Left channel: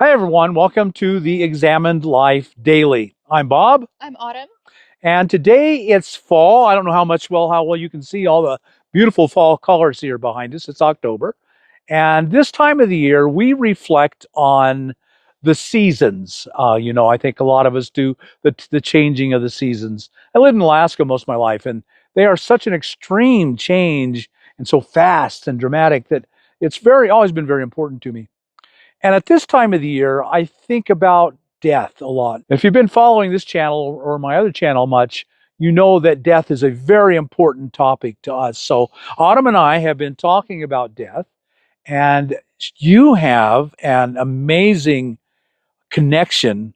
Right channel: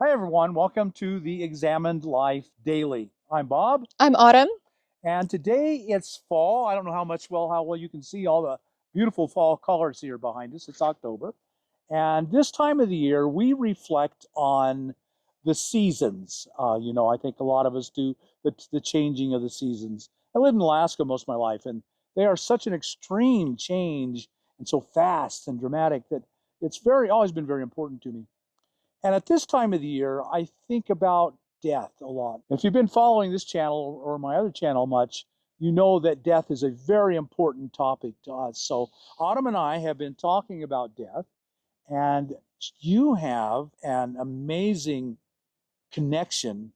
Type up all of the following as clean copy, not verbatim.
Hi, everyone. Welcome to the Examined Life Daily. I'm Bob, I'm Autumn. and today it's fall. I don't know how well you can see all the beautiful fall colors here behind us. It's October. And this time of the year, we reflect on the seasons. I think a lot of us do the changing of the seasons. I lived in Alaska most of my life, and they are such an extreme change and so fast and dramatic that it's always been very important to me. And at this time of the year, I think about death a lot. If you've been following this channel or my other channel much, you know that death is a very important topic to us. So Autumn and I have been talking about death, and you have an amazing connection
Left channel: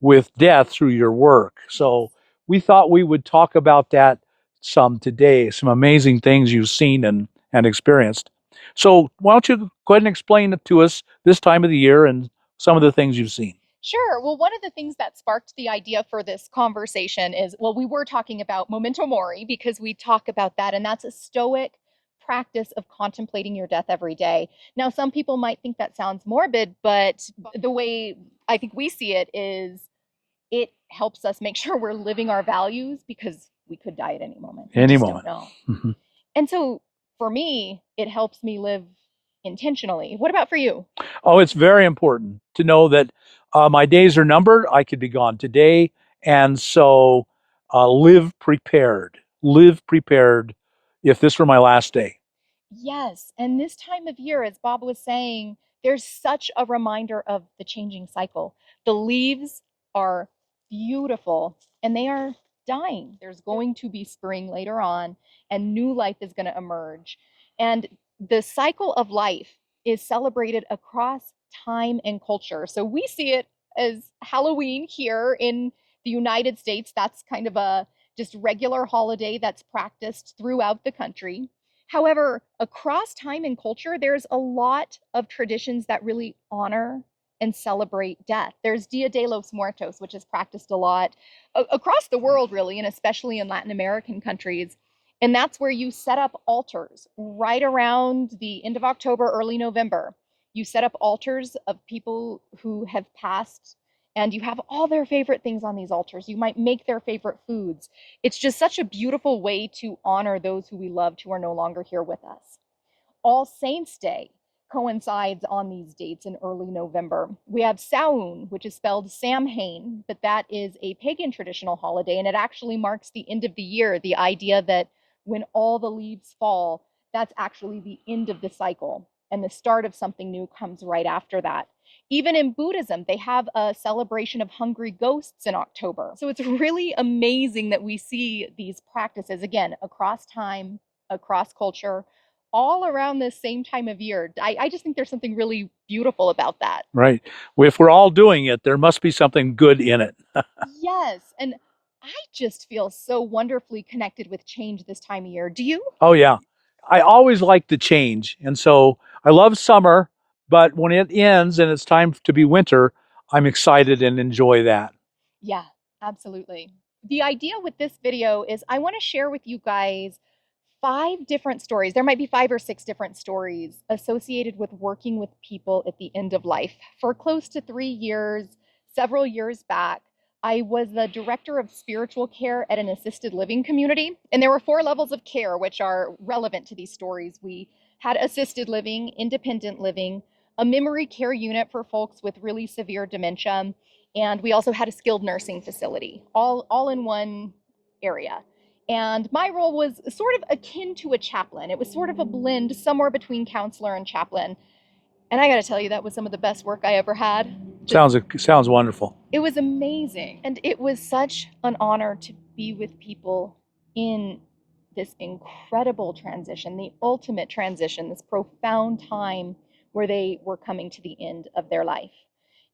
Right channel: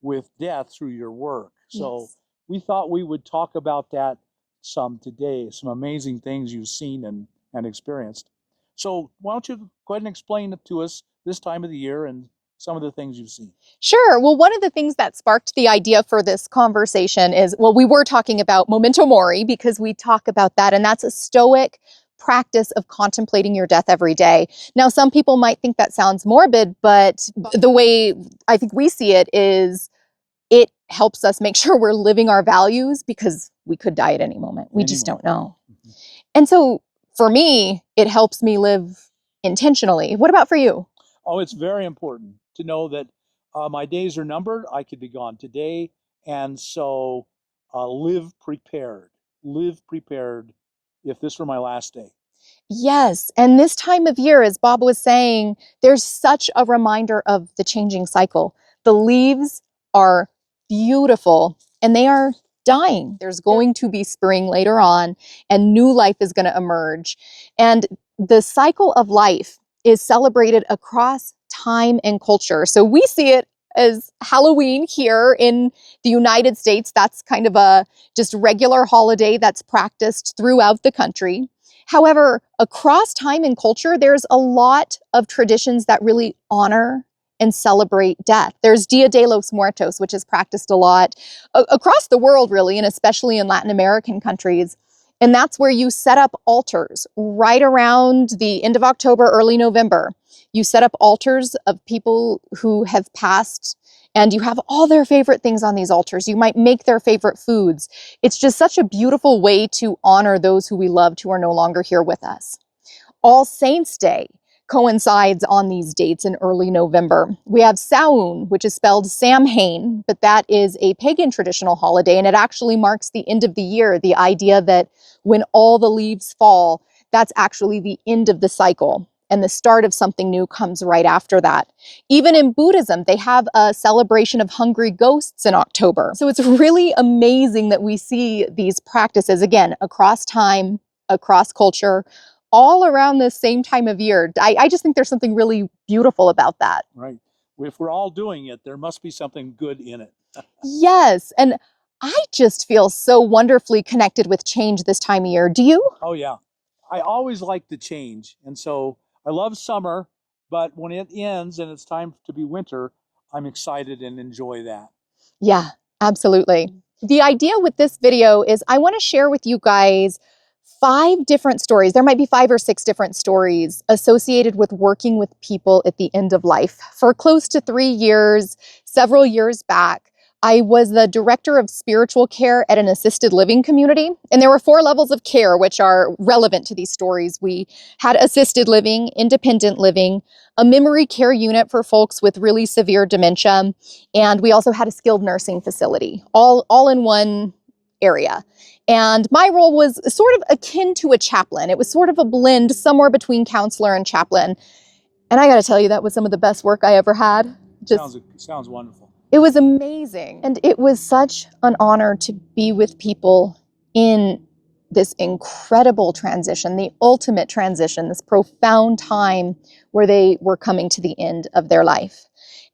with death through your work. So Yes. we thought we would talk about that some today, some amazing things you've seen and experienced. So why don't you go ahead and explain it to us this time of the year and some of the things you've seen? Sure. Well, one of the things that sparked the idea for this conversation is, well, we were talking about memento mori because we talk about that, and that's a stoic practice of contemplating your death every day. Now, some people might think that sounds morbid, but the way I think we see it is it helps us make sure we're living our values because we could die at any moment. We Any just don't moment. know. Mhm. And so for me, it helps me live intentionally. What about for you? Oh, it's very important to know that my days are numbered. I could be gone today. And so live prepared. Live prepared if this were my last day. Yes. And this time of year, as Bob was saying, there's such a reminder of the changing cycle. The leaves are beautiful and they are dying. There's going to be spring later on, and new life is going to emerge. And the cycle of life is celebrated across time and culture. So we see it as Halloween here in the United States. That's kind of a just regular holiday that's practiced throughout the country. However, across time and culture, there's a lot of traditions that really honor and celebrate death. There's Dia de los Muertos, which is practiced a lot across the world, really, and especially in Latin American countries. And that's where you set up altars right around the end of October, early November. You set up altars of people who have passed, and you have all their favorite things on these altars. You might make their favorite foods. It's just such a beautiful way to honor those who we loved who are no longer here with us. All Saints' Day coincides on these dates in early November. We have Samhain, which is spelled Samhain, but that is a pagan traditional holiday, and it actually marks the end of the year. The idea that when all the leaves fall, that's actually the end of the cycle, and the start of something new comes right after that. Even in Buddhism, they have a celebration of hungry ghosts in October. So it's really amazing that we see these practices, again, across time, across culture, all around this same time of year. I just think there's something really beautiful about that. Right. Well, if we're all doing it, there must be something good in it. Yes. And I just feel so wonderfully connected with change this time of year. Do you? Oh, yeah. I always like the change. And so I love summer, but when it ends and it's time to be winter, I'm excited and enjoy that. Yeah, absolutely. The idea with this video is I want to share with you guys 5 different stories. There might be 5 or 6 different stories associated with working with people at the end of life. For close to 3 years, several years back, I was the director of spiritual care at an assisted living community. And there were 4 levels of care which are relevant to these stories. We had assisted living, independent living, a memory care unit for folks with really severe dementia, and we also had a skilled nursing facility, all in one area. And my role was sort of akin to a chaplain. It was sort of a blend somewhere between counselor and chaplain. And I got to tell you, that was some of the best work I ever had. Sounds wonderful. It was amazing. And it was such an honor to be with people in this incredible transition, the ultimate transition, this profound time where they were coming to the end of their life.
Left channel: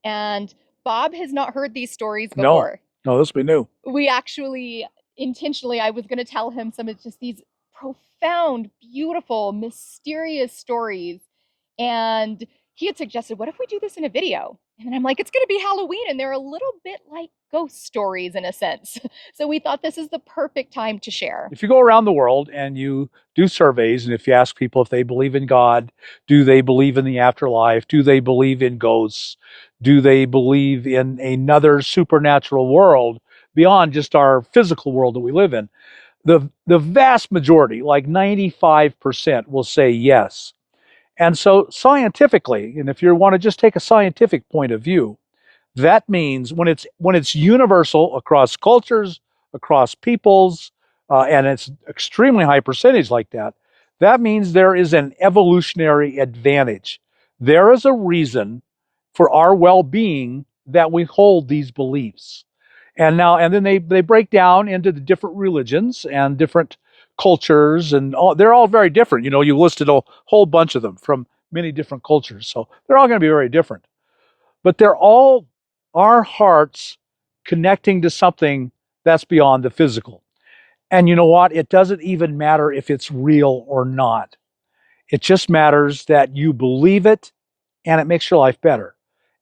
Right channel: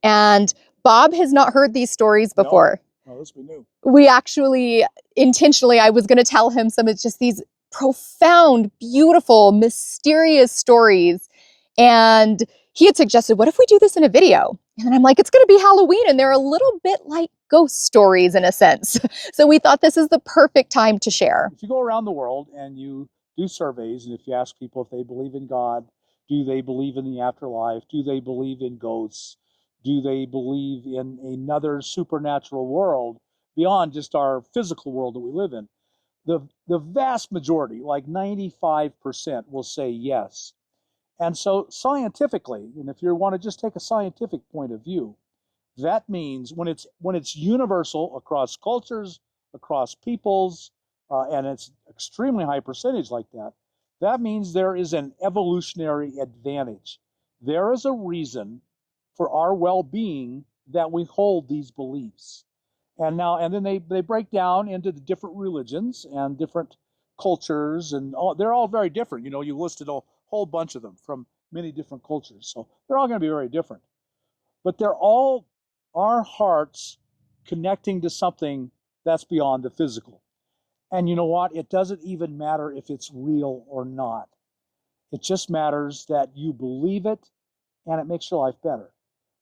And Bob has not heard these stories No, before. no, this will be new. We actually intentionally, I was going to tell him some, it's just these profound, beautiful, mysterious stories. And he had suggested, what if we do this in a video? And then I'm like, it's going to be Halloween, and they're a little bit like ghost stories in a sense. So we thought this is the perfect time to share. If you go around the world and you do surveys, and if you ask people if they believe in God, do they believe in the afterlife, do they believe in ghosts, Do they believe in another supernatural world beyond just our physical world that we live in? The vast majority, like 95%, will say yes. And so scientifically, and if you want to just take a scientific point of view, that means when it's universal across cultures, across peoples, and it's extremely high percentage like that, that means there is an evolutionary advantage. There is a reason for our well-being that we hold these beliefs. And then they break down into the different religions and different cultures, and they're all very different. You listed a whole bunch of them from many different cultures, so they're all going to be very different. But they're all our hearts connecting to something that's beyond the physical. And you know what? It doesn't even matter if it's real or not. It just matters that you believe it and it makes your life better.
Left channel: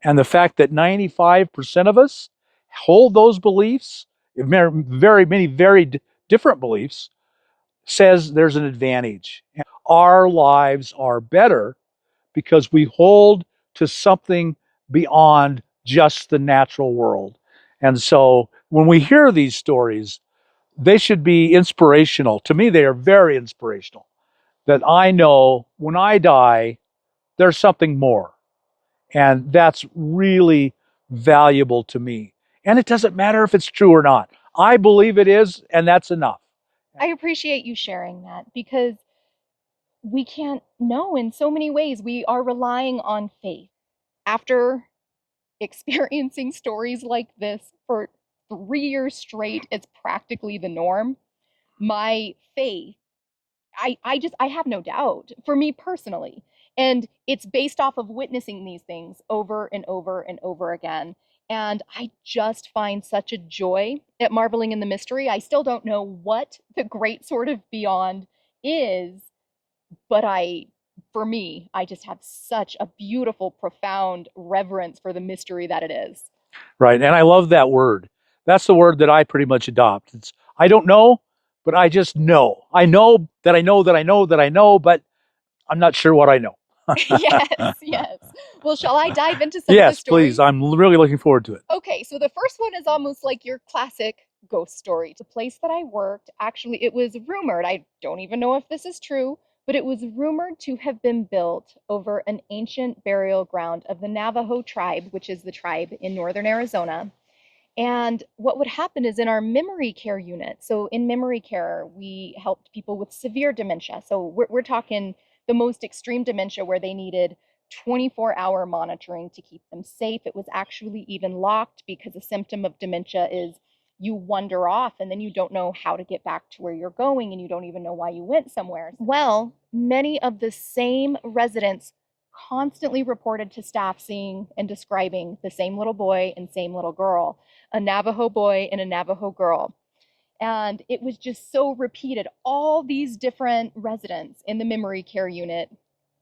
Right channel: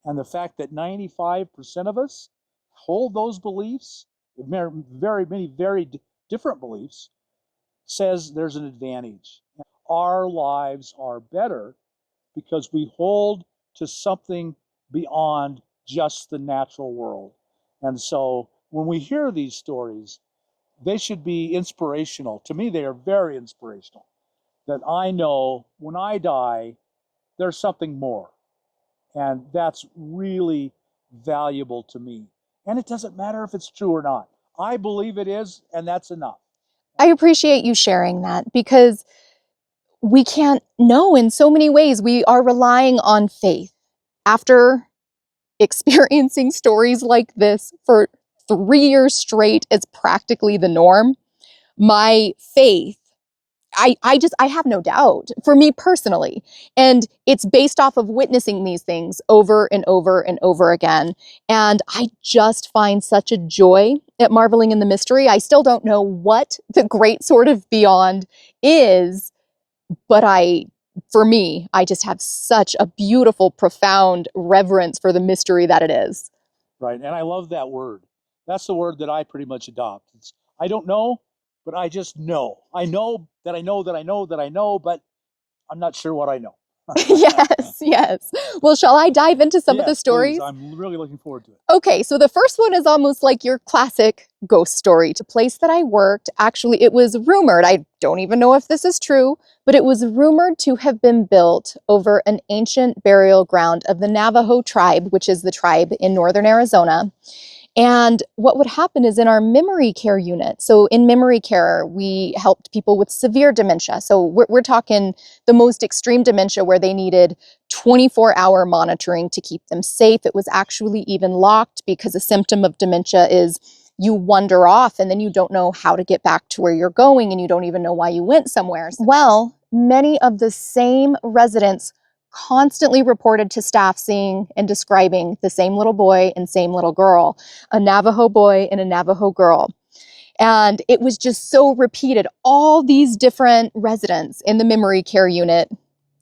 And the fact that 95% of us hold those beliefs, very many very different beliefs, says there's an advantage. Our lives are better because we hold to something beyond just the natural world. And so when we hear these stories, they should be inspirational. To me, they are very inspirational. That I know when I die, there's something more. And that's really valuable to me. And it doesn't matter if it's true or not. I believe it is, and that's enough. I appreciate you sharing that because we can't know in so many ways. We are relying on faith. After experiencing stories like this for 3 years straight, it's practically the norm. My faith, I have no doubt for me personally. And it's based off of witnessing these things over and over and over again. And I just find such a joy at marveling in the mystery. I still don't know what the great sort of beyond is, but for me, I just have such a beautiful, profound reverence for the mystery that it is. Right. And I love that word. That's the word that I pretty much adopt. I don't know, but I just know. I know that I know that I know that I know, but I'm not sure what I know. Yes, yes. Well, shall I dive into some of the Yes, please. stories? I'm really looking forward to it. Okay, so the first one is almost like your classic ghost story. The place that I worked, actually, it was rumored, I don't even know if this is true, but it was rumored to have been built over an ancient burial ground of the Navajo tribe, which is the tribe in northern Arizona. And what would happen is in our memory care unit, so in memory care, we helped people with severe dementia. So we're talking the most extreme dementia where they needed 24-hour monitoring to keep them safe. It was actually even locked because a symptom of dementia is you wander off and then you don't know how to get back to where you're going and you don't even know why you went somewhere. Well, many of the same residents constantly reported to staff seeing and describing the same little boy and same little girl, a Navajo boy and a Navajo girl. And it was just so repeated. All these different residents in the memory care unit,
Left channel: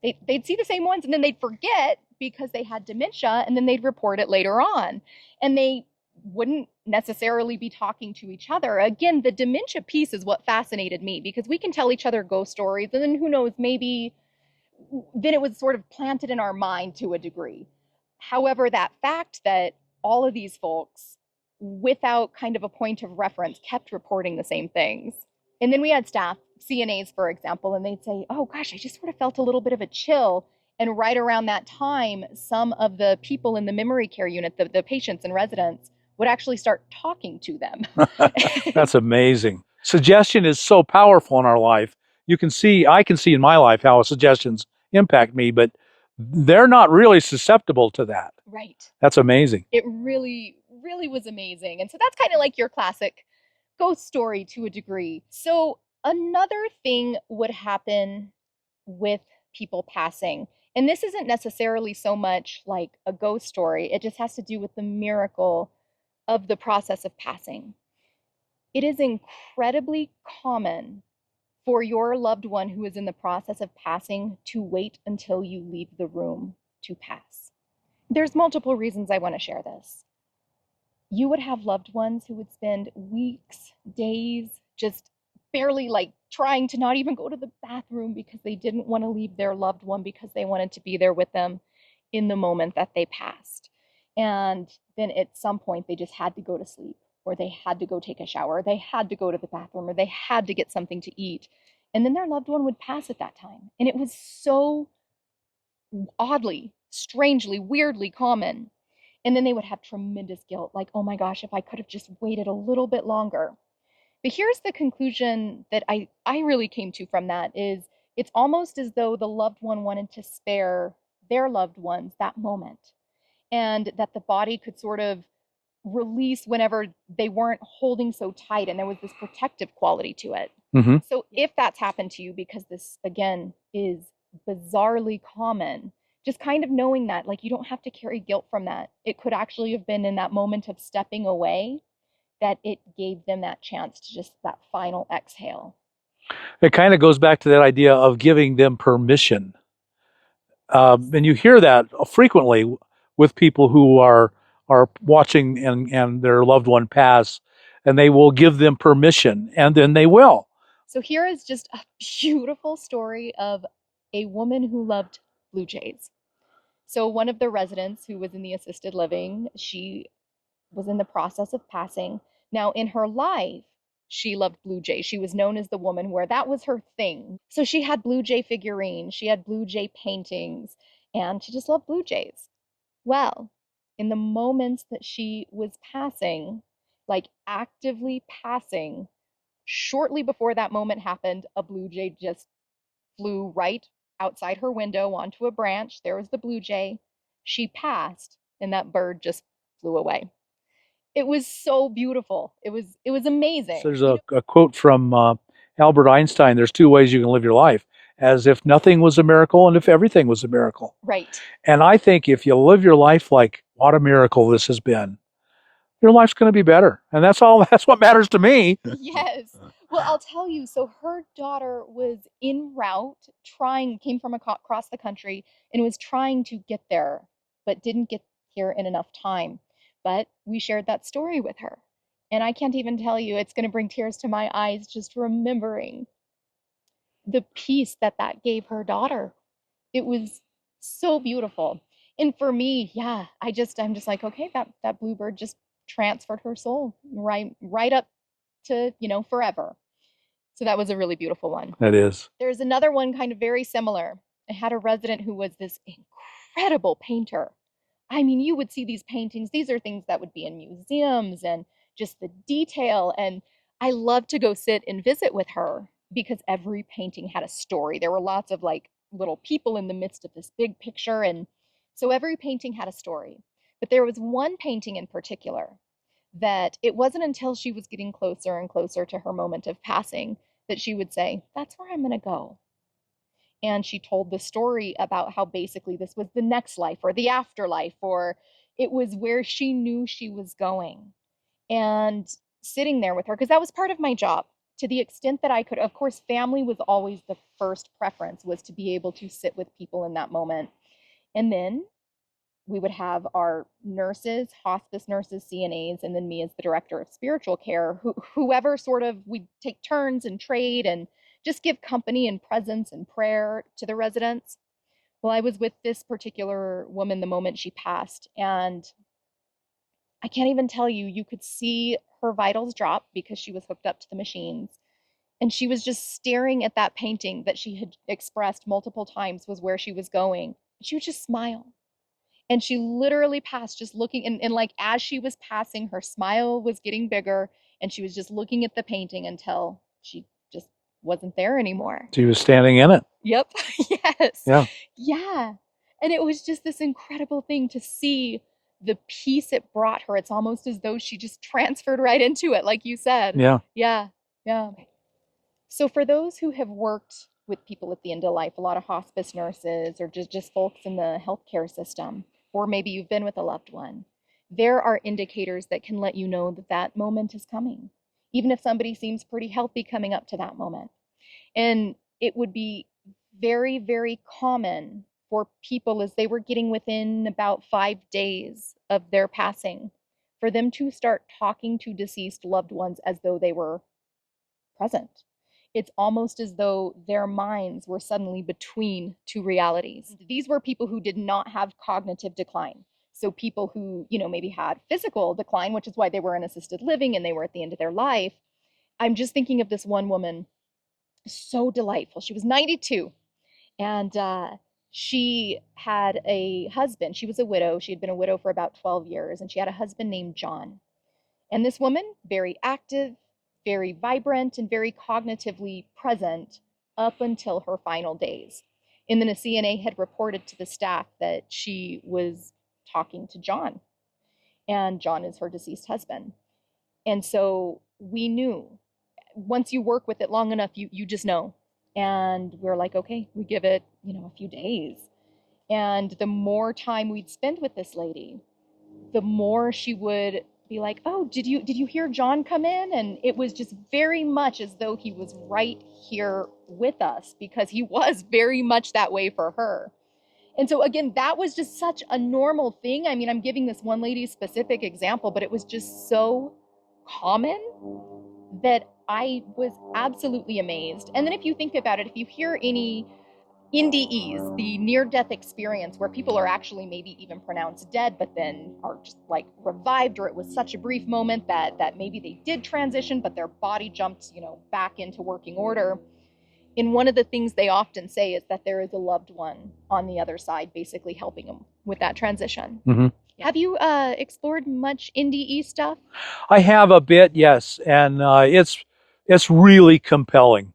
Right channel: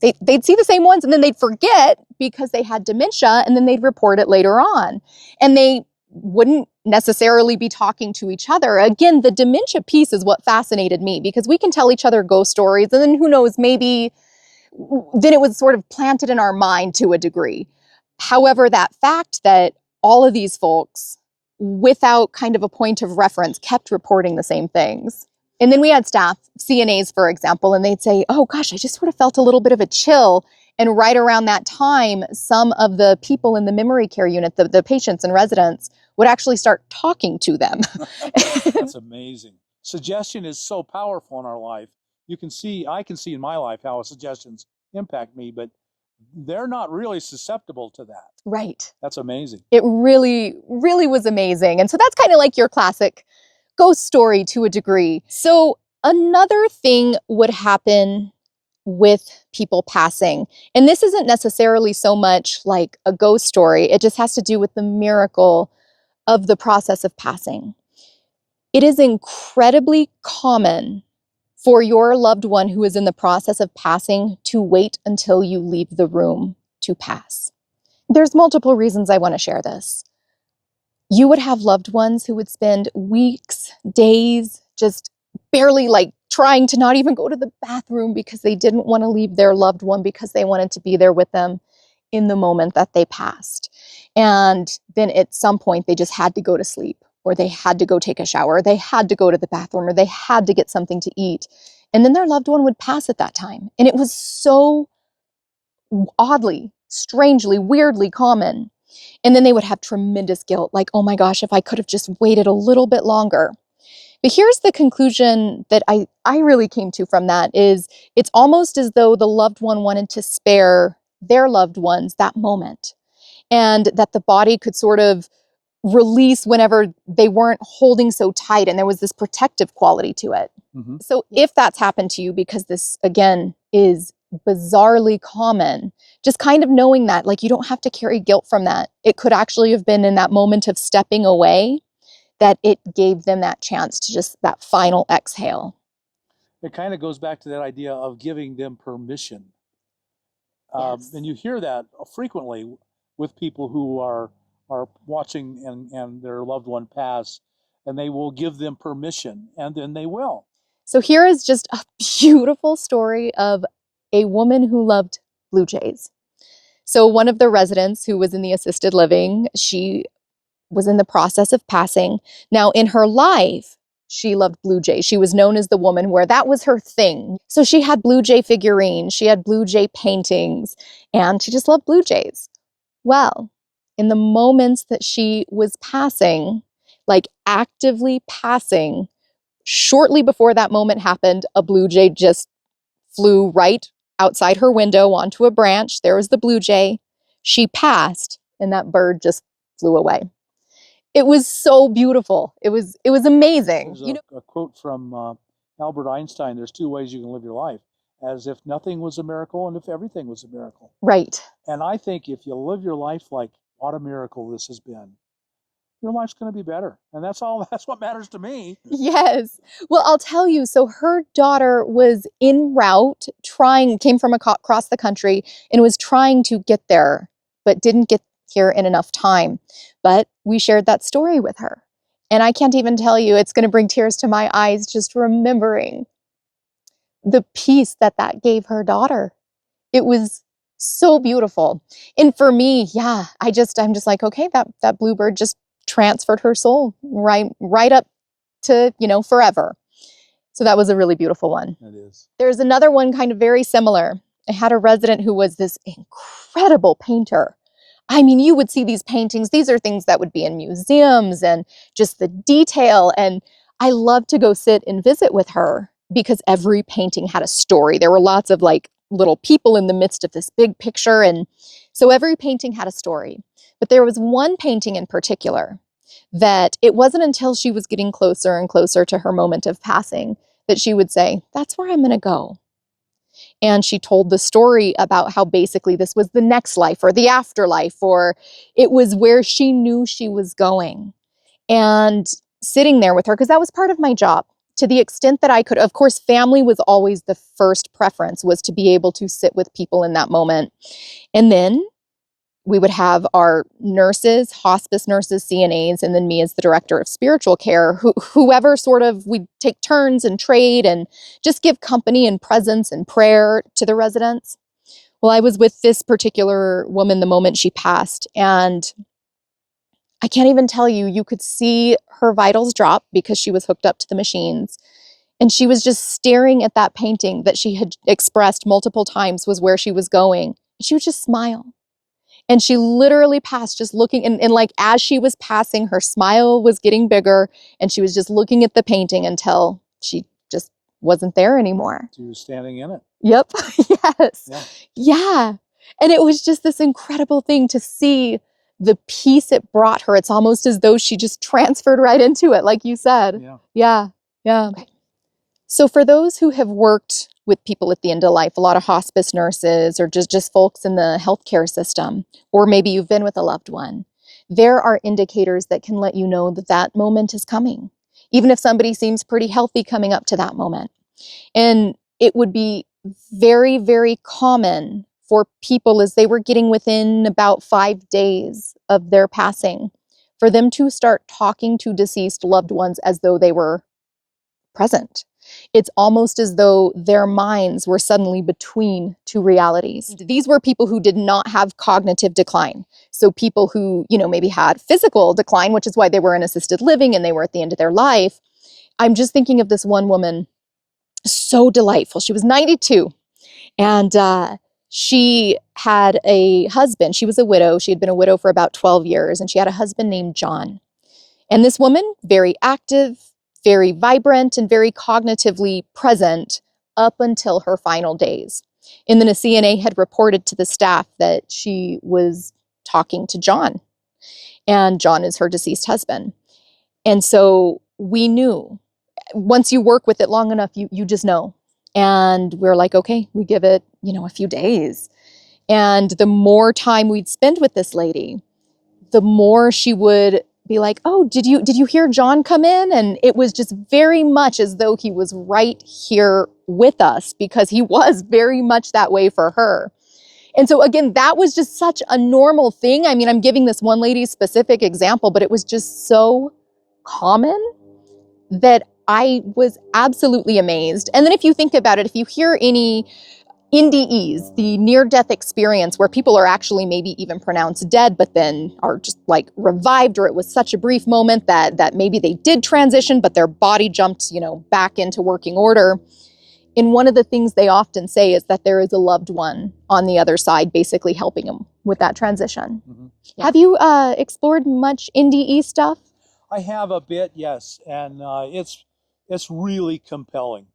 they'd see the same ones and then they'd forget because they had dementia and then they'd report it later on. And they wouldn't necessarily be talking to each other. Again, the dementia piece is what fascinated me because we can tell each other ghost stories and then who knows, maybe then it was sort of planted in our mind to a degree. However, that fact that all of these folks, without kind of a point of reference, kept reporting the same things. And then we had staff, CNAs, for example, and they'd say, oh gosh, I just sort of felt a little bit of a chill. And right around that time, some of the people in the memory care unit, the patients and residents, would actually start talking to them. That's amazing. Suggestion is so powerful in our life. I can see in my life how suggestions impact me, but they're not really susceptible to that. Right. That's amazing. It really, really was amazing. And so that's kind of like your classic ghost story to a degree. So another thing would happen with people passing. And this isn't necessarily so much like a ghost story. It just has to do with the miracle of the process of passing. It is incredibly common for your loved one who is in the process of passing to wait until you leave the room to pass. There's multiple reasons I want to share this. You would have loved ones who would spend weeks, days, just barely like trying to not even go to the bathroom because they didn't want to leave their loved one because they wanted to be there with them. in the moment that they passed. And then at some point, they just had to go to sleep, or they had to go take a shower, or they had to go to the bathroom, or they had to get something to eat. And then their loved one would pass at that time. And it was so oddly, strangely, weirdly common. And then they would have tremendous guilt, like, oh my gosh, if I could have just waited a little bit longer. But here's the conclusion that I really came to from that is it's almost as though the loved one wanted to spare their loved ones that moment, and that the body could sort of release whenever they weren't holding so tight, and there was this protective quality to it. Mm-hmm. So if that's happened to you, because this again is bizarrely common, just kind of knowing that, like, you don't have to carry guilt from that. It could actually have been in that moment of stepping away that it gave them that chance to just that final exhale. It kind of goes back to that idea of giving them permission. And you hear that frequently with people who are watching and their loved one pass, and they will give them permission, and then they will. So here is just a beautiful story of a woman who loved blue jays. So one of the residents who was in the assisted living, she was in the process of passing. Now, in her life, she loved blue jays. She was known as the woman where that was her thing. So she had blue jay figurines, she had blue jay paintings, and she just loved blue jays. Well, in the moments that she was passing, like actively passing, shortly before that moment happened, a blue jay just flew right outside her window onto a branch. There was the blue jay. She passed, and that bird just flew away. It was so beautiful. It was amazing. There's a quote from Albert Einstein. There's two ways you can live your life: as if nothing was a miracle, and if everything was a miracle. Right. And I think if you live your life like what a miracle this has been, your life's going to be better. And that's all. That's what matters to me. Yes. Well, I'll tell you. So her daughter was en route, came from across the country and was trying to get there, but didn't get here in enough time. But we shared that story with her. And I can't even tell you, it's going to bring tears to my eyes just remembering the peace that gave her daughter. It was so beautiful. And for me, yeah, I'm just like, okay, that bluebird just transferred her soul right up to, forever. So that was a really beautiful one. That is. There's another one kind of very similar. I had a resident who was this incredible painter. I mean, you would see these paintings. These are things that would be in museums, and just the detail. And I loved to go sit and visit with her because every painting had a story. There were lots of like little people in the midst of this big picture. And so every painting had a story. But there was one painting in particular that it wasn't until she was getting closer and closer to her moment of passing that she would say, that's where I'm going to go. And she told the story about how basically this was the next life or the afterlife, or it was where she knew she was going. And sitting there with her, because that was part of my job, to the extent that I could. Of course, family was always the first preference, was to be able to sit with people in that moment. And then we would have our nurses, hospice nurses, CNAs, and then me as the director of spiritual care, whoever sort of, we'd take turns and trade and just give company and presence and prayer to the residents. Well, I was with this particular woman the moment she passed, and I can't even tell you, you could see her vitals drop because she was hooked up to the machines. And she was just staring at that painting that she had expressed multiple times was where she was going. She would just smile. And she literally passed just looking, and like as she was passing, her smile was getting bigger, and she was just looking at the painting until she just wasn't there anymore. She was standing in it. Yep. Yes. Yeah. Yeah. And it was just this incredible thing to see the peace it brought her. It's almost as though she just transferred right into it, like you said. Yeah. Yeah. Yeah. Okay. So for those who have worked with people at the end of life, a lot of hospice nurses or just folks in the healthcare system, or maybe you've been with a loved one, there are indicators that can let you know that that moment is coming, even if somebody seems pretty healthy coming up to that moment. And it would be very, very common for people, as they were getting within about 5 days of their passing, for them to start talking to deceased loved ones as though they were present. It's almost as though their minds were suddenly between two realities. These were people who did not have cognitive decline. So people who, maybe had physical decline, which is why they were in assisted living and they were at the end of their life. I'm just thinking of this one woman, so delightful. She was 92, and she had a husband. She was a widow. She had been a widow for about 12 years, and she had a husband named John. And this woman, very active, very vibrant, and very cognitively present up until her final days. And then a CNA had reported to the staff that she was talking to John, and John is her deceased husband. And so we knew, once you work with it long enough, you just know. And we're like, okay, we give it, a few days. And the more time we'd spend with this lady, the more she would be like, oh, did you hear John come in? And it was just very much as though he was right here with us, because he was very much that way for her. And so again, that was just such a normal thing. I mean, I'm giving this one lady specific example, but it was just so common that I was absolutely amazed. And then if you think about it, if you hear any NDEs, the near-death experience where people are actually maybe even pronounced dead, but then are just like revived, or it was such a brief moment that maybe they did transition, but their body jumped, back into working order. And one of the things they often say is that there is a loved one on the other side, basically helping them with that transition. Mm-hmm. Have you explored much NDE stuff? I have a bit, yes, and it's really compelling.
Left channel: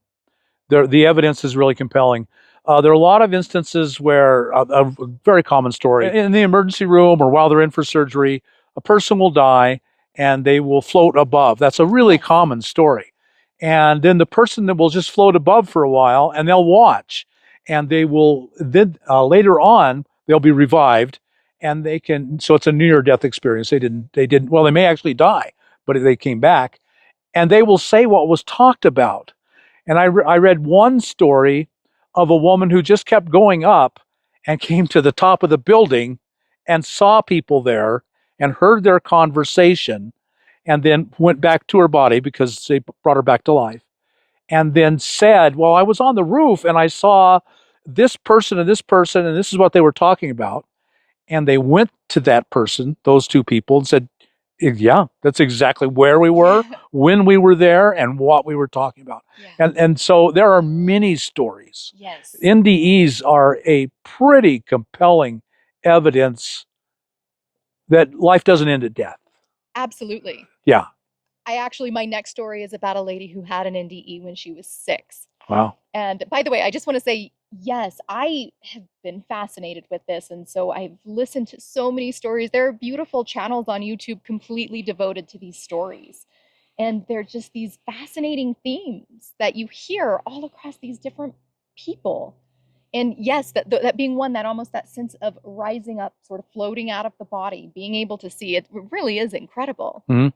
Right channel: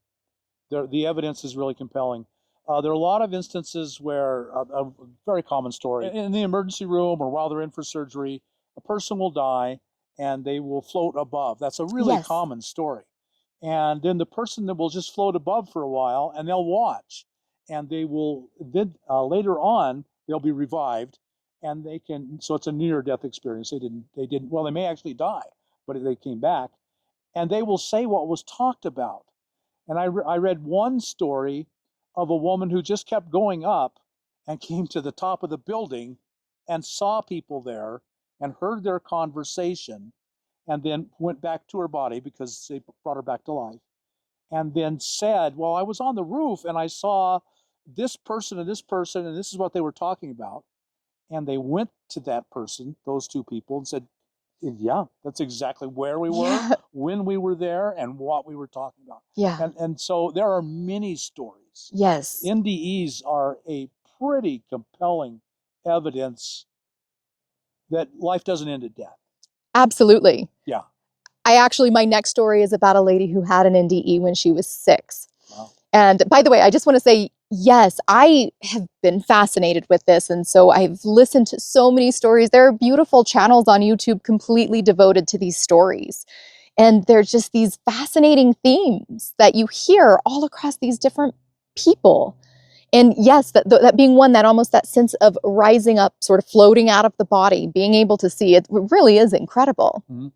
The evidence is really compelling. There are a lot of instances where a very common story in the emergency room or while they're in for surgery, a person will die and they will float above. That's a really common story. And then the person that will just float above for a while and they'll watch, and they will then later on they'll be revived, and they can. So it's a near-death experience. They didn't. Well, they may actually die, but they came back, and they will say what was talked about. And I read one story of a woman who just kept going up and came to the top of the building and saw people there and heard their conversation, and then went back to her body because they brought her back to life, and then said, well, I was on the roof and I saw this person and this person, and this is what they were talking about. And they went to that person, those two people, and said, yeah, that's exactly where we were, when we were there, and what we were talking about. Yeah. And so there are many stories. Yes. NDEs are a pretty compelling evidence that life doesn't end at death. Absolutely. Yeah. My next story is about a lady who had an NDE when she was 6. Wow. And by the way, I just want to say, yes, I have been fascinated with this. And so I've listened to so many stories. There are beautiful channels on YouTube completely devoted to these stories. And there's just these fascinating themes that you hear all across these different people. And yes, that being one, that almost that sense of rising up, sort of floating out of the body, being able to see it really is incredible. Mm-hmm.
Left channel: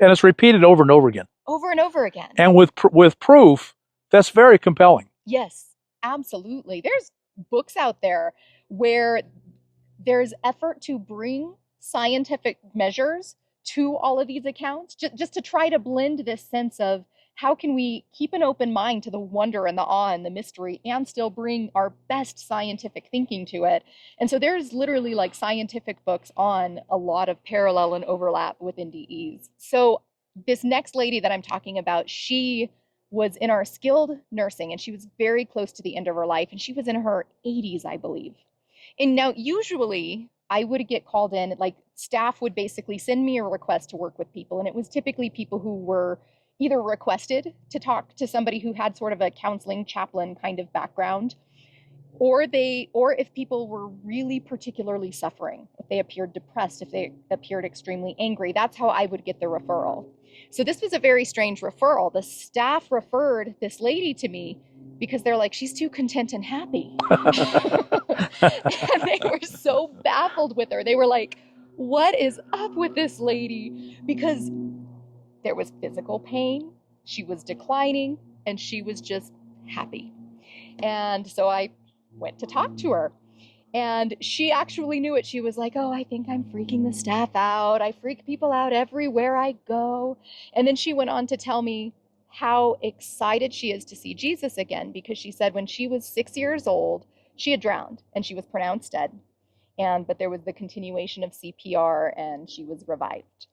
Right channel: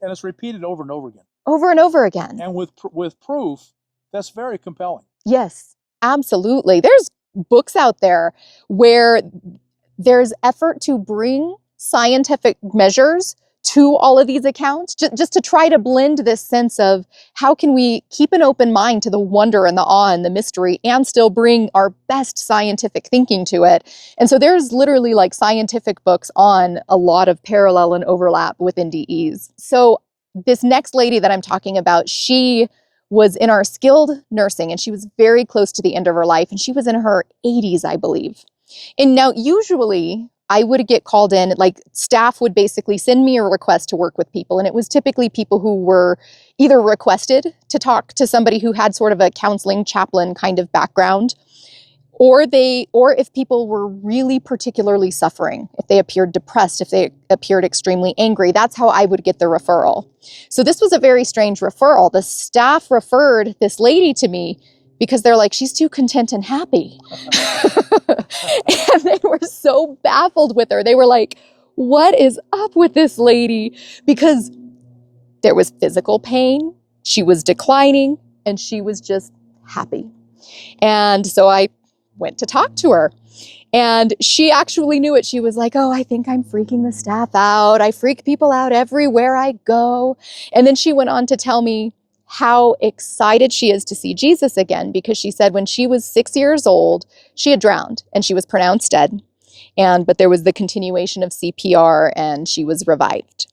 And it's repeated over and over again. Over and over again. And with proof, that's very compelling. Yes, absolutely. There's books out there where there's effort to bring scientific measures to all of these accounts, just to try to blend this sense of how can we keep an open mind to the wonder and the awe and the mystery and still bring our best scientific thinking to it. And so there's literally like scientific books on a lot of parallel and overlap with NDEs. So this next lady that I'm talking about, she was in our skilled nursing, and she was very close to the end of her life, and she was in her 80s, I believe. And now usually I would get called in, like staff would basically send me a request to work with people. And it was typically people who were either requested to talk to somebody who had sort of a counseling chaplain kind of background, or if people were really particularly suffering, if they appeared depressed, if they appeared extremely angry, that's how I would get the referral. So this was a very strange referral. The staff referred this lady to me because they're like, she's too content and happy. And they were so baffled with her. They were like, what is up with this lady? Because there was physical pain, she was declining, and she was just happy. And so I went to talk to her, and she actually knew it. She was like, oh, I think I'm freaking the staff out. I freak people out everywhere I go. And then she went on to tell me how excited she is to see Jesus again, because she said when she was 6 years old, she had drowned and she was pronounced dead. But there was the continuation of CPR and she was revived.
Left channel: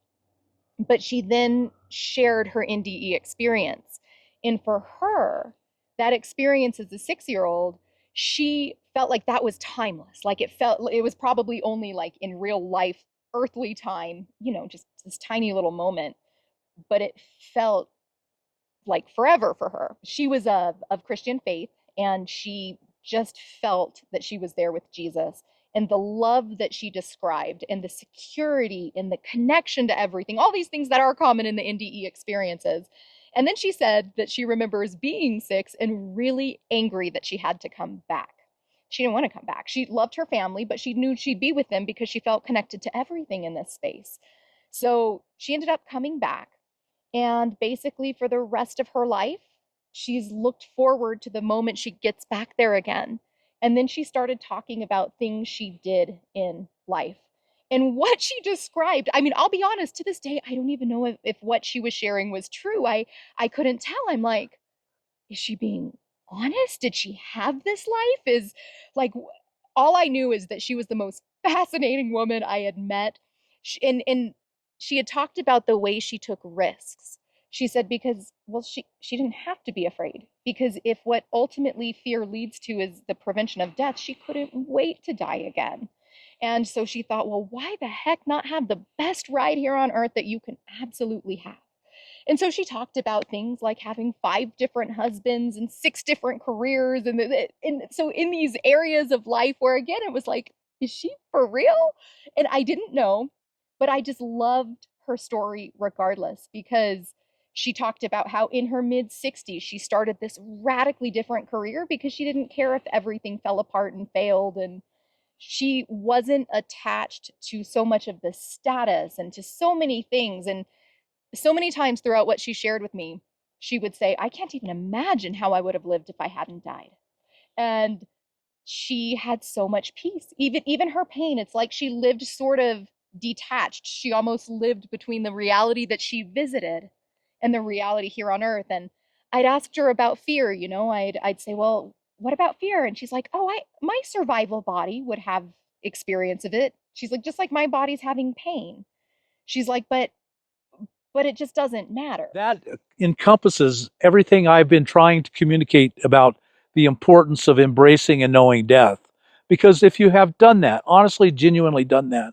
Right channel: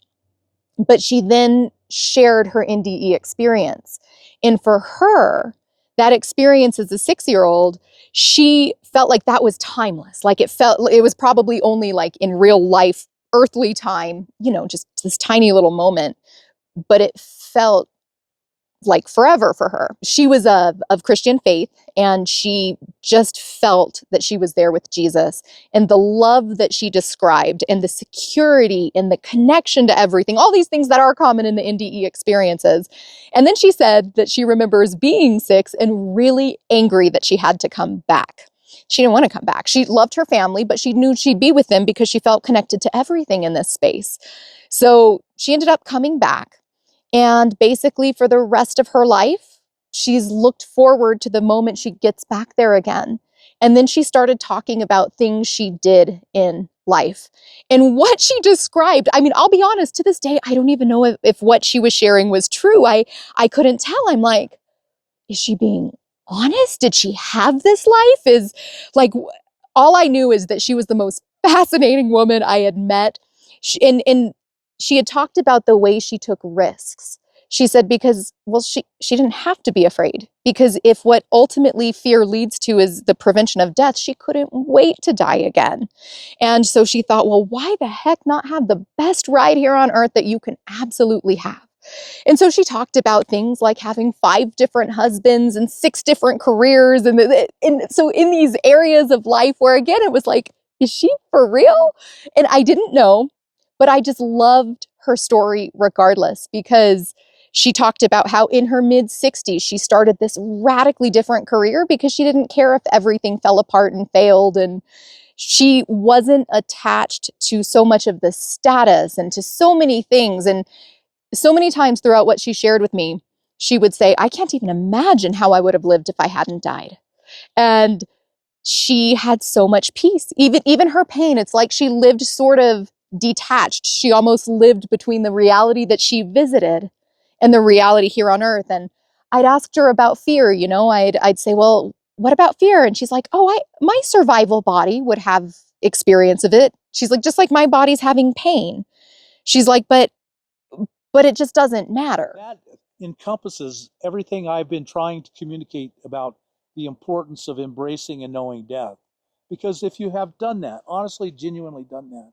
But she then shared her NDE experience. And for her, that experience as a 6-year-old, she felt like that was timeless. Like it was probably only like in real life, earthly time, just this tiny little moment, but it felt like forever for her. She was of Christian faith, and she just felt that she was there with Jesus, and the love that she described and the security and the connection to everything, all these things that are common in the NDE experiences. And then she said that she remembers being 6 and really angry that she had to come back. She didn't want to come back. She loved her family, but she knew she'd be with them because she felt connected to everything in this space. So she ended up coming back. And basically, for the rest of her life, she's looked forward to the moment she gets back there again. And then she started talking about things she did in life. And what she described, I mean, I'll be honest, to this day, I don't even know if what she was sharing was true. I couldn't tell. I'm like, is she being honest? Did she have this life? Is like, all I knew is that she was the most fascinating woman I had met. And she had talked about the way she took risks. She said because, well, she didn't have to be afraid, because if what ultimately fear leads to is the prevention of death, she couldn't wait to die again. And so she thought, well, why the heck not have the best ride here on earth that you can absolutely have? And so she talked about things like having 5 different husbands and 6 different careers. And so in these areas of life where, again, it was like, is she for real? And I didn't know, but I just loved her story regardless, because she talked about how in her mid-60s, she started this radically different career because she didn't care if everything fell apart and failed. And she wasn't attached to so much of the status and to so many things. And so many times throughout what she shared with me, she would say, I can't even imagine how I would have lived if I hadn't died. And she had so much peace. Even her pain, it's like she lived sort of detached. She almost lived between the reality that she visited and the reality here on earth. And I'd asked her about fear, I'd say, well, what about fear? And she's like, oh, my survival body would have experience of it. She's like, just like my body's having pain. She's like, but it just doesn't matter. That encompasses everything I've been trying to communicate about the importance of embracing and knowing death. Because if you have done that, honestly, genuinely done that,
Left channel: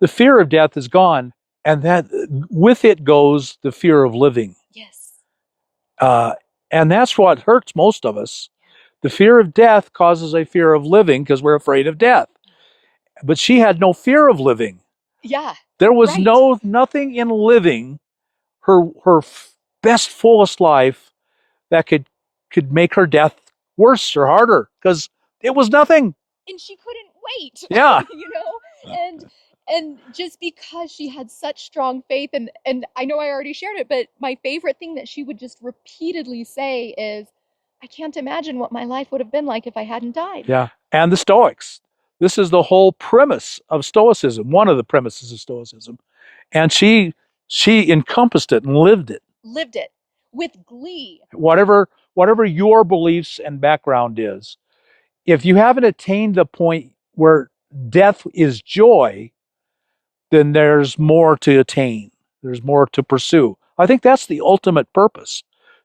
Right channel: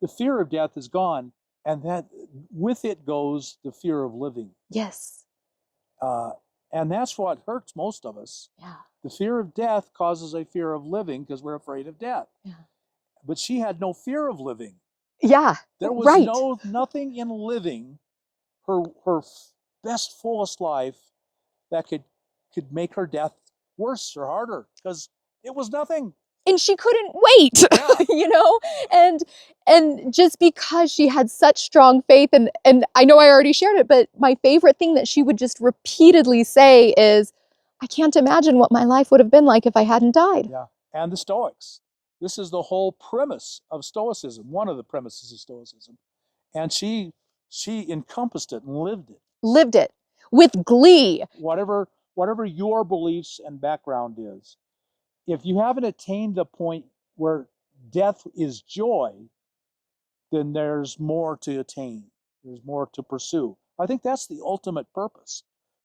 the fear of death is gone, and that with it goes the fear of living. Yes. And that's what hurts most of us. Yeah. The fear of death causes a fear of living because we're afraid of death. Yeah. But she had no fear of living. Yeah. There was right. nothing in living her best, fullest life that could make her death worse or harder, because it was nothing. And she couldn't wait. Yeah. And just because she had such strong faith, and I know I already shared it, but my favorite thing that she would just repeatedly say is, I can't imagine what my life would have been like if I hadn't died. Yeah. And the Stoics. This is the whole premise of Stoicism, one of the premises of Stoicism. And she encompassed it and lived it. Lived it with glee. Whatever your beliefs and background is, if you haven't attained the point where death is joy, then there's more to attain. There's more to pursue. I think that's the ultimate purpose,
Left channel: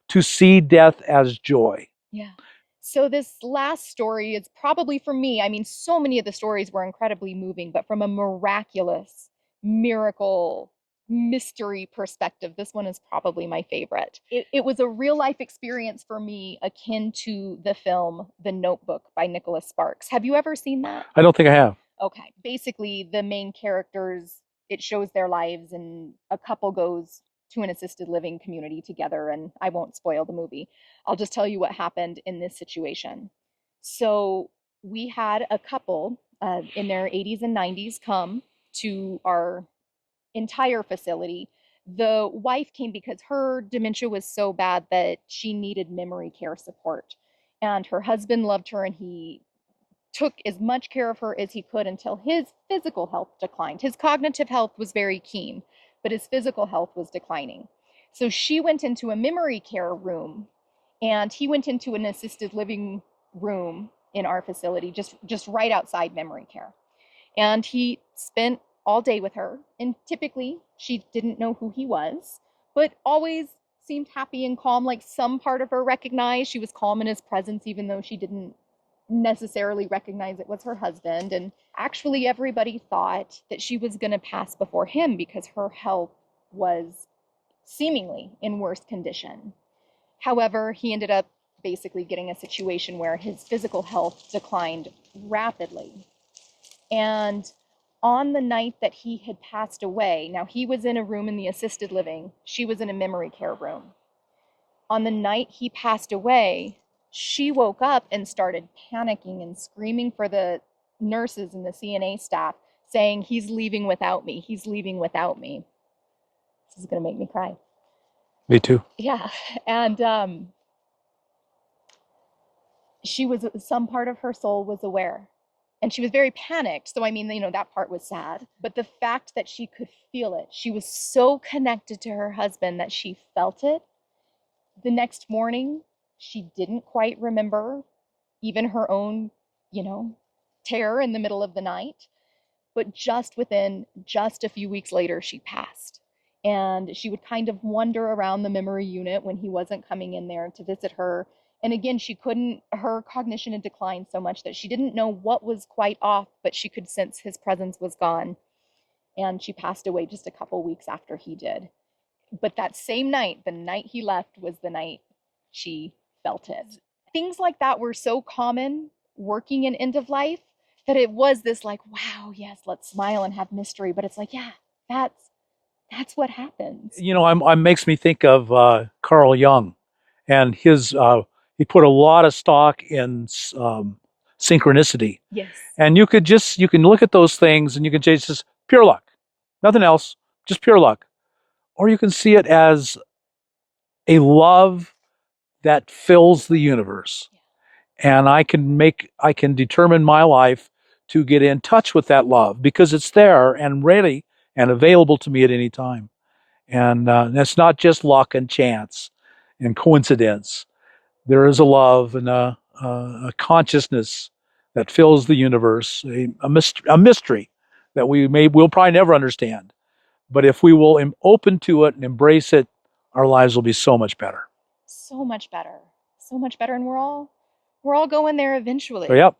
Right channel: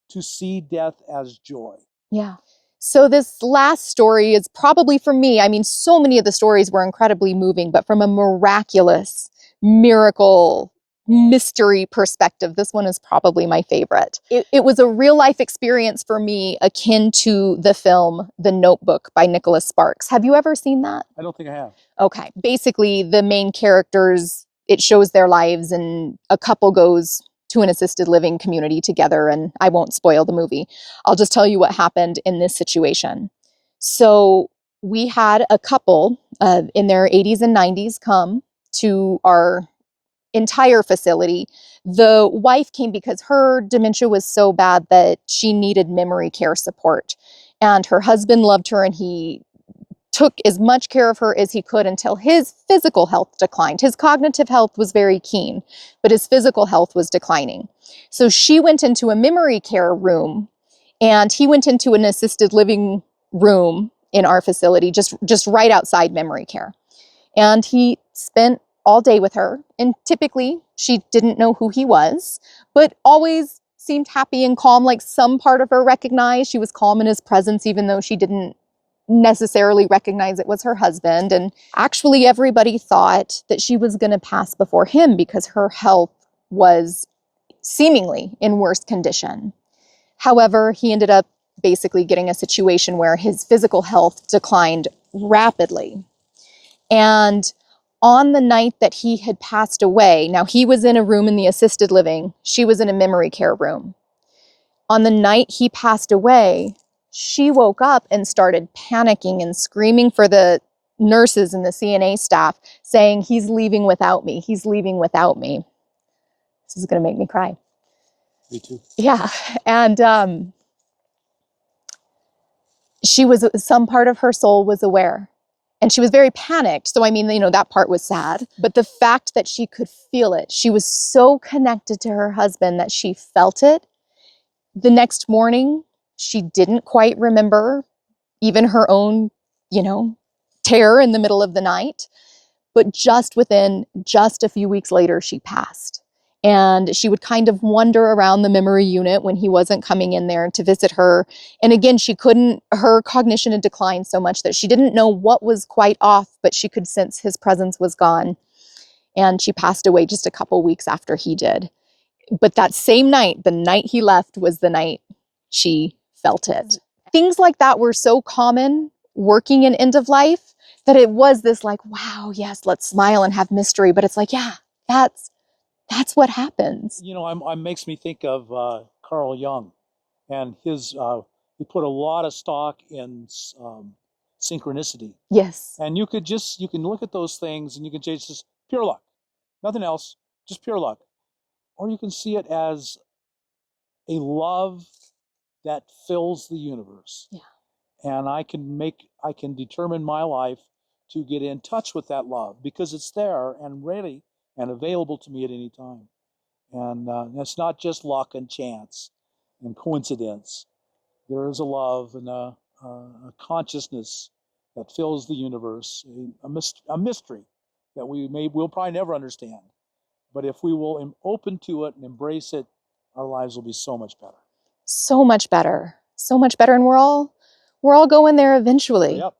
to see death as joy. Yeah. So this last story is probably, for me, I mean, so many of the stories were incredibly moving, but from a miraculous, miracle, mystery perspective, this one is probably my favorite. It was a real life experience for me, akin to the film The Notebook by Nicholas Sparks. Have you ever seen that? I don't think I have. Okay. Basically, the main characters, it shows their lives, and a couple goes to an assisted living community together, and I won't spoil the movie. I'll just tell you what happened in this situation. So we had a couple in their 80s and 90s come to our entire facility. The wife came because her dementia was so bad that she needed memory care support. And her husband loved her, and he took as much care of her as he could until his physical health declined. His cognitive health was very keen, but his physical health was declining. So she went into a memory care room, and he went into an assisted living room in our facility, just right outside memory care. And he spent all day with her. And typically she didn't know who he was, but always seemed happy and calm. Like some part of her recognized she was calm in his presence, even though she didn't necessarily recognize it was her husband. And actually everybody thought that she was going to pass before him because her health was seemingly in worse condition. However, he ended up basically getting a situation where his physical health declined rapidly. And on the night that he had passed away, now he was in a room in the assisted living, she was in a memory care room. On the night he passed away, she woke up and started panicking and screaming for the nurses and the CNA staff, saying, "He's leaving without me. He's leaving without me." This is going to make me cry. Me too. Yeah. And some part of her soul was aware. And she was very panicked. So, I mean, that part was sad. But the fact that she could feel it, she was so connected to her husband that she felt it. The next morning, she didn't quite remember even her own, terror in the middle of the night. But just a few weeks later, she passed. And she would kind of wander around the memory unit when he wasn't coming in there to visit her. And again, her cognition had declined so much that she didn't know what was quite off, but she could sense his presence was gone. And she passed away just a couple weeks after he did. But that same night, the night he left, was the night she felt it. Things like that were so common working in end of life that it was this like, wow, yes, let's smile and have mystery. But it's like, yeah, that's what happens. I'm makes me think of Carl Jung, and his he put a lot of stock in synchronicity. Yes. And you can look at those things and you can just pure luck, nothing else, just pure luck. Or you can see it as a love that fills the universe. Yeah. And I can determine my life to get in touch with that love because it's there and ready and available to me at any time. And that's not just luck and chance and coincidence. There is a love and a consciousness that fills the universe, a mystery that we'll probably never understand. But if we will open to it and embrace it, our lives will be so much better. So much better. So much better. And we're all going there eventually. So, yep.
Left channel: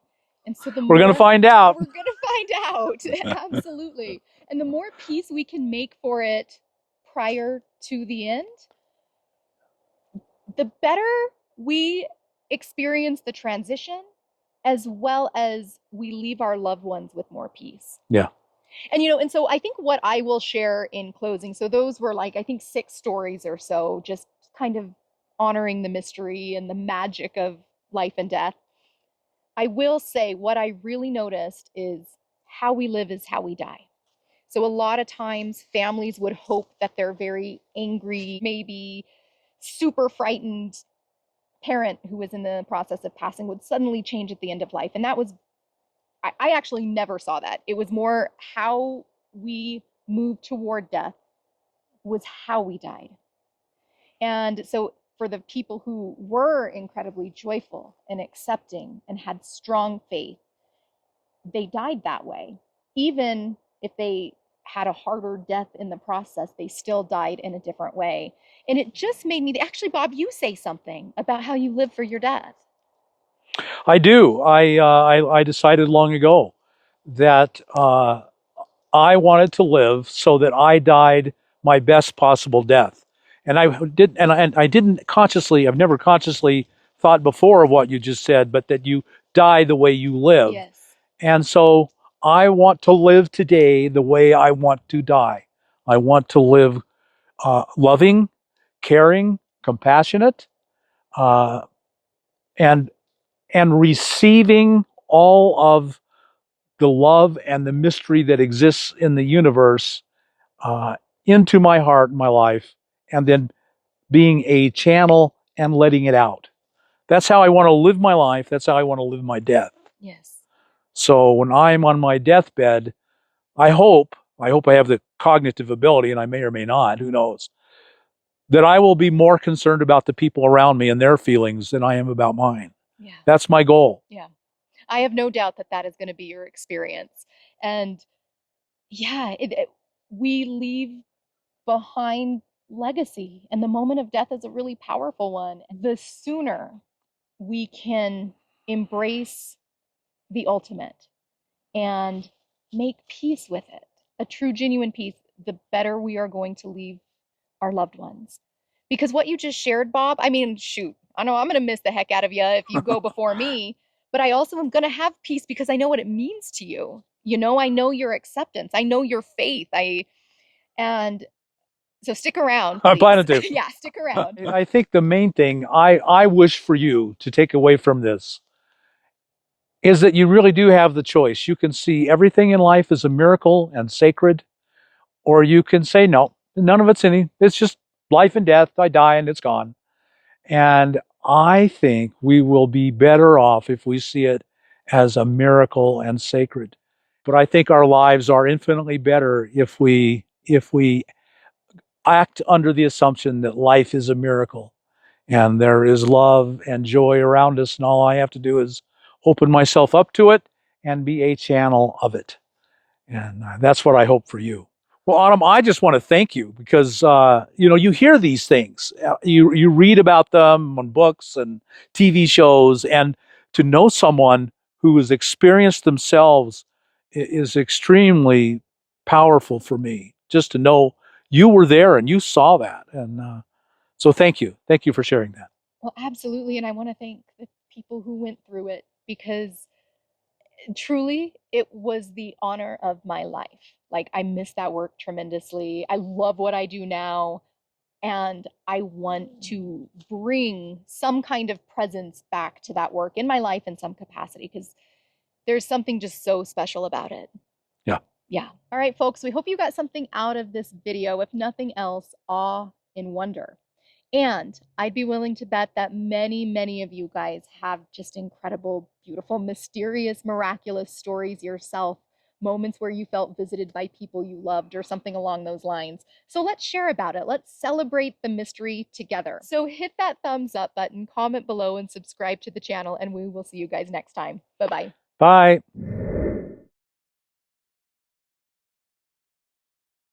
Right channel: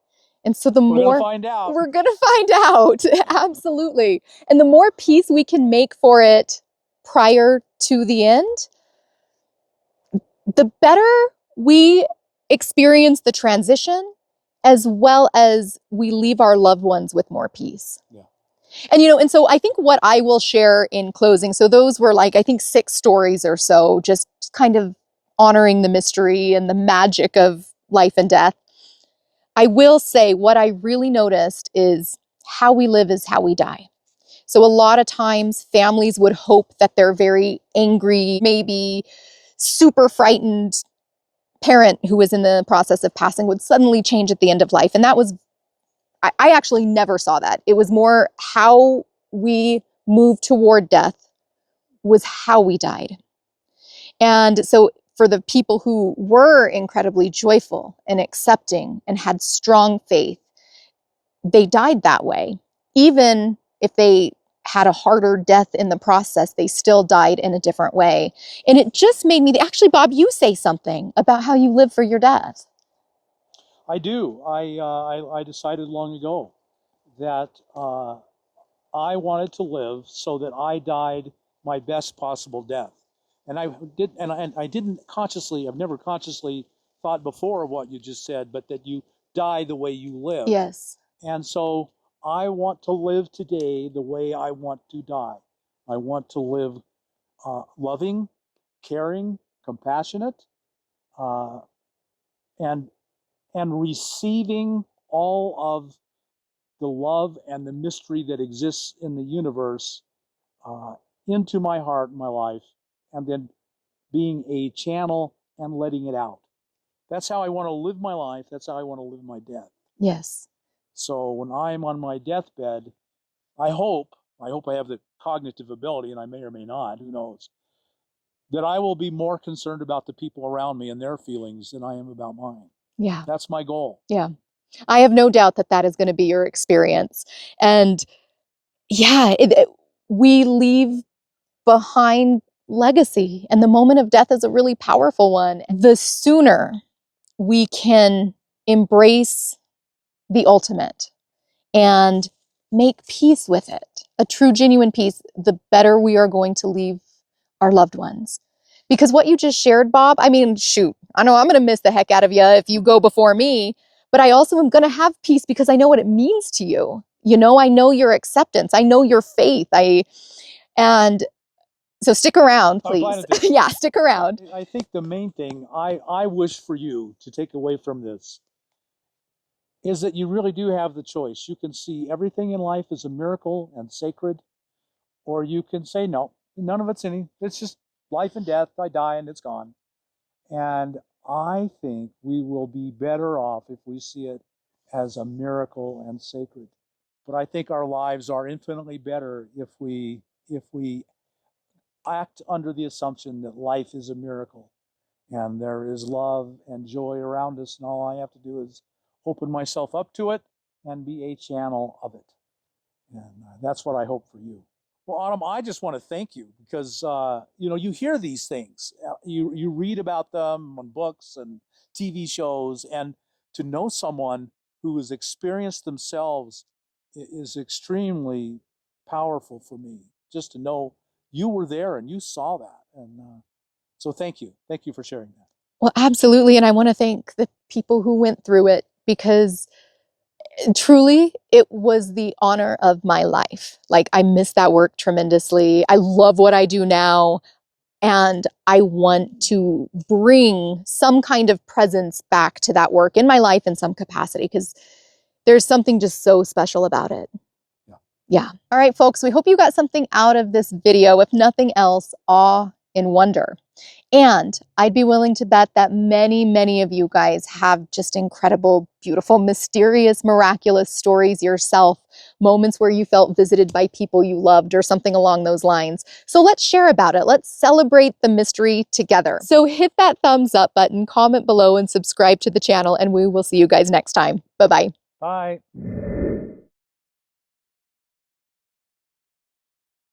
And so we're going to find out. We're going to find out. Absolutely. And the more peace we can make for it prior to the end, the better we experience the transition, as well as we leave our loved ones with more peace. Yeah. And, and so I think what I will share in closing, so those were I think 6 stories or so, just kind of honoring the mystery and the magic of life and death. I will say what I really noticed is how we live is how we die. So a lot of times families would hope that their very angry, maybe super frightened parent who was in the process of passing would suddenly change at the end of life. And that was, I actually never saw that. It was more how we moved toward death was how we died. And so for the people who were incredibly joyful and accepting and had strong faith, they died that way. Even if they had a harder death in the process, they still died in a different way. And it just made me, actually, Bob, you say something about how you live for your death. I do. I decided long ago that I wanted to live so that I died my best possible death. And I didn't consciously, I've never consciously thought before of what you just said, but that you die the way you live. Yes. And so I want to live today the way I want to die. I want to live loving, caring, compassionate, uh, and receiving all of the love and the mystery that exists in the universe into my heart and my life, and then being a channel and letting it out. That's how I want to live my life. That's how I want to live my death. Yes. So when I'm on my deathbed, I hope I have the cognitive ability, and I may or may not, who knows, that I will be more concerned about the people around me and their feelings than I am about mine. Yeah. That's my goal. Yeah. I have no doubt that that is going to be your experience. And yeah, we leave behind legacy, and the moment of death is a really powerful one. The sooner we can embrace the ultimate and make peace with it, a true, genuine peace, the better we are going to leave our loved ones. Because what you just shared, Bob, I mean, shoot, I know I'm going to miss the heck out of you if you go before me, but I also am going to have peace because I know what it means to you. You know, I know your acceptance. I know your faith. And so stick around, please. I'm planning to. Yeah, stick around. I think the main thing I wish for you to take away from this is that you really do have the choice. You can see everything in life as a miracle and sacred, or you can say, no, none of it's any. It's just life and death. I die and it's gone. And I think we will be better off if we see it as a miracle and sacred. But I think our lives are infinitely better if we act under the assumption that life is a miracle and there is love and joy around us, and all I have to do is open myself up to it and be a channel of it. And that's what I hope for you. Well, Autumn, I just want to thank you because you hear these things, you read about them on books and TV shows, and to know someone who has experienced themselves is extremely powerful for me. Just to know you were there and you saw that, and so thank you for sharing that. Well, absolutely. And I want to thank the people who went through it because truly it was the honor of my life. Like, I miss that work tremendously. I love what I do now. And I want to bring some kind of presence back to that work in my life in some capacity because there's something just so special about it. Yeah. Yeah. All right, folks, we hope you got something out of this video. If nothing else, awe and wonder. And I'd be willing to bet that many, many of you guys have just incredible, beautiful, mysterious, miraculous stories yourself, moments where you felt visited by people you loved or something along those lines. So let's share about it. Let's celebrate the mystery together. So hit that thumbs up button, comment below, and subscribe to the channel, and we will see you guys next time. Bye-bye. Bye.